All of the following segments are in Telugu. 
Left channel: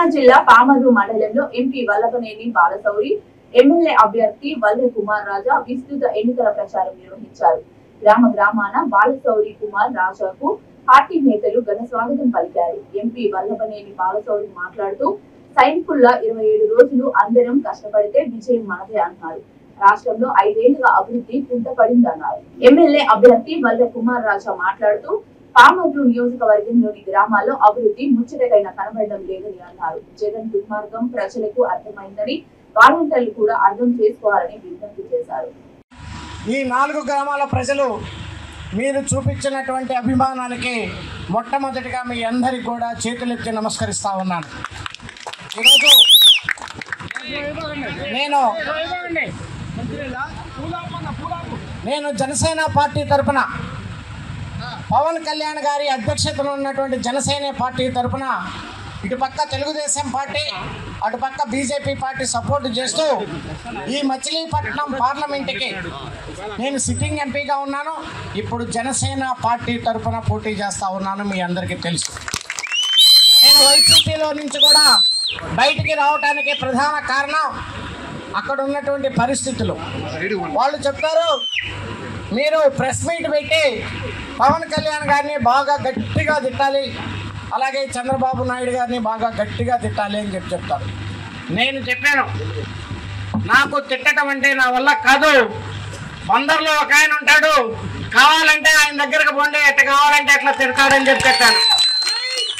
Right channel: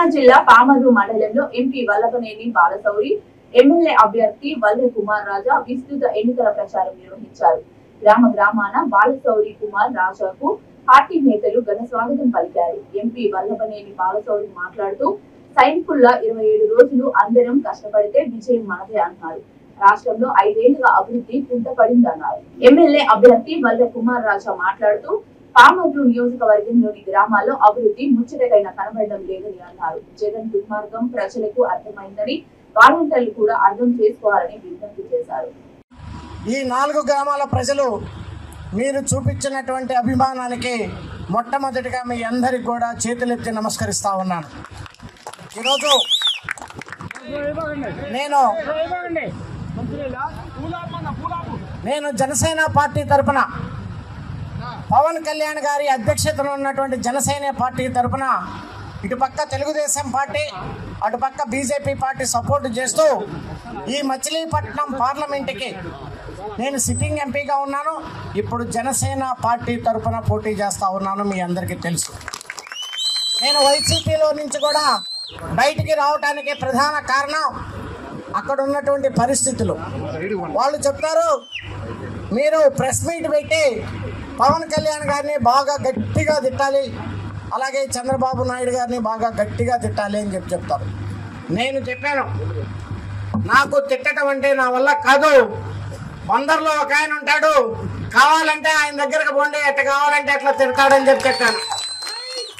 కృష్ణా జిల్లా పామర్రు మండలంలో ఎంపీ వల్లభనేని బాలశౌరి, ఎమ్మెల్యే అభ్యర్థి వల్లె కుమార్ రాజా విస్తృత ఎన్నికల ప్రచారం నిర్వహించారు. గ్రామ గ్రామాన బాలశౌరి కుమార్ రాజాకు పార్టీ నేతలు ఘన స్వాగతం పలికారు. ఎంపీ వల్లభనేని బాలశౌరి మాట్లాడుతూ సైనికుల్లా 27 రోజులు అందరం కష్టపడితే విజయం మనదే అన్నారు. రాష్ట్రంలో 5 ఏళ్లుగా అభివృద్ధి కుంటపడిందన్నారు. ఎమ్మెల్యే అభ్యర్థి వల్లె కుమార్ రాజా మాట్లాడుతూ పామర్రు నియోజకవర్గంలోని గ్రామాల్లో అభివృద్ధి ముచ్చటకైన కనబడడం లేదని అన్నారు. జగన్ దుర్మార్గం ప్రజలకు అర్థమైందని, వాలంటీర్లు కూడా అర్థం చేసుకోవాలని విజ్ఞప్తి చేశారు. ఈ 4 గ్రామాల ప్రజలు మీరు చూపించినటువంటి అభిమానానికి మొట్టమొదటిగా మీ అందరికి కూడా చేతులెత్తి నమస్కరిస్తా ఉన్నాను. ఈరోజు నేను జనసేన పార్టీ తరఫున పవన్ కళ్యాణ్ గారి అధ్యక్షతలో ఉన్నటువంటి జనసేన పార్టీ తరఫున ఇటుపక్క తెలుగుదేశం పార్టీ, అటుపక్క బీజేపీ పార్టీ సపోర్ట్ చేస్తూ ఈ మచిలీపట్నం పార్లమెంటుకి నేను సిట్టింగ్ ఎంపీగా ఉన్నాను. ఇప్పుడు జనసేన పార్టీ తరఫున పోటీ చేస్తూ ఉన్నాను. మీ అందరికీ తెలుసు. నేను వైసీపీలో నుంచి కూడా బయటికి రావడానికి ప్రధాన కారణం అక్కడ ఉన్నటువంటి పరిస్థితులు. వాళ్ళు చెప్తారు, మీరు ప్రెస్ మీట్ పెట్టి పవన్ కళ్యాణ్ గారిని బాగా గట్టిగా తిట్టాలి, అలాగే చంద్రబాబు నాయుడు గారిని బాగా గట్టిగా తిట్టాలి అని చెప్తారు. నేను చెప్పాను, నాకు తిట్టడం అంటే నా వల్ల కాదు. బందర్లో ఒక ఆయన ఉంటాడు, కావాలంటే ఆయన దగ్గరకు పోండి, ఎట్లా కావాలంటే ఎట్లా తిడతాడని చెప్పాను.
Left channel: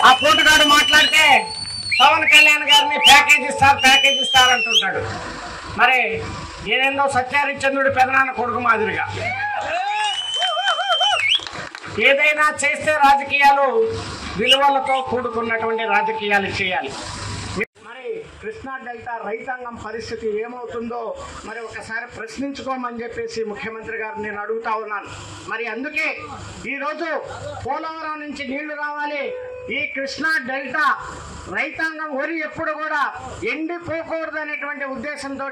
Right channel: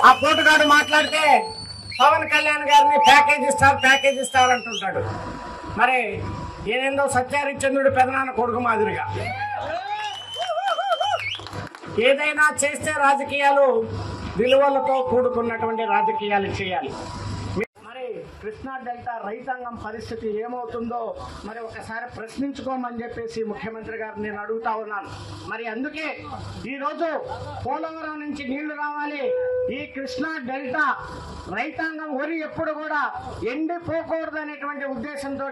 ఆ పోటుగాడు మాట్లాడితే పవన్ కళ్యాణ్ గారిని ప్యాకేజ్ ఇస్తారు అంటుంటాడు. మరి ఏదేందో సత్యహరిశ్చంద్రుడి పెదనాన్న కొడుకు మాదిరిగా ఏదైనా చేస్తే రాజకీయాలు విలువలతో కూడుకున్నటువంటి రాజకీయాలు చేయాలి. మరి కృష్ణా డెల్టా రైతాంగం పరిస్థితి ఏమవుతుందో మరి ఒకసారి ప్రశ్నించుకోమని చెప్పేసి ముఖ్యమంత్రి గారు నేను అడుగుతా ఉన్నాను. మరి అందుకే ఈరోజు పోలవరం నుంచి నీళ్లు రావాలి, ఈ కృష్ణా డెల్టా రైతాంగం వరి ఎప్పుడు కూడా ఎండిపోకూడదు అనేటువంటి ఉద్దేశంతో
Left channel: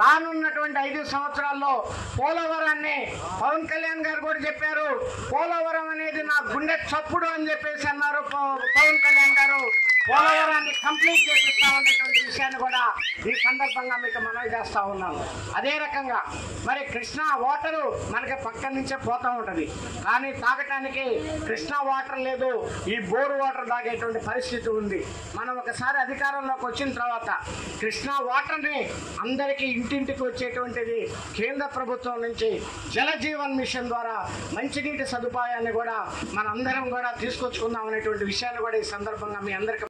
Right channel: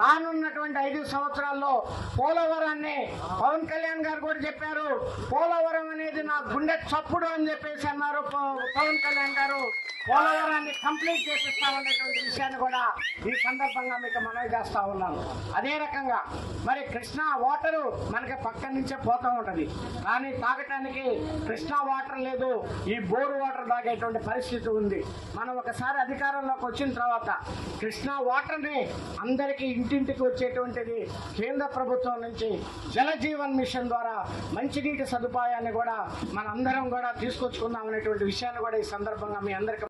రానున్నటువంటి 5 సంవత్సరాల్లో పోలవరాన్ని పవన్ కళ్యాణ్ గారు కూడా చెప్పారు. పోలవరం అనేది నా గుండె చప్పుడు అని చెప్పేసి అన్నారు పవన్ కళ్యాణ్ గారు. పోలవరాన్ని కంప్లీట్ చేపిస్తామనేటువంటి విషయాన్ని కూడా ఈ సందర్భంగా మీకు మనవి చేస్తా ఉన్నాను. అదే రకంగా మరి కృష్ణా వాటరు మనకి పక్క నుంచే పోతూ ఉంటుంది, కానీ తాగటానికి కృష్ణా వాటర్ లేదు, ఈ బోరు వాటర్ తాగేటువంటి పరిస్థితి ఉంది. మనం ఒకసారి అధికారంలోకి వచ్చిన తర్వాత కృష్ణా వాటర్ని అందరికీ ఇంటింటికి వచ్చేటువంటిది కేంద్ర ప్రభుత్వం నుంచి జల జీవన్ మిషన్ ద్వారా మంచినీటి సదుపాయాన్ని కూడా మనందరం కూడా తీసుకొచ్చుకుందాం అనేటువంటి విషయాన్ని కూడా ఈ సందర్భంగా మీ అందరికీ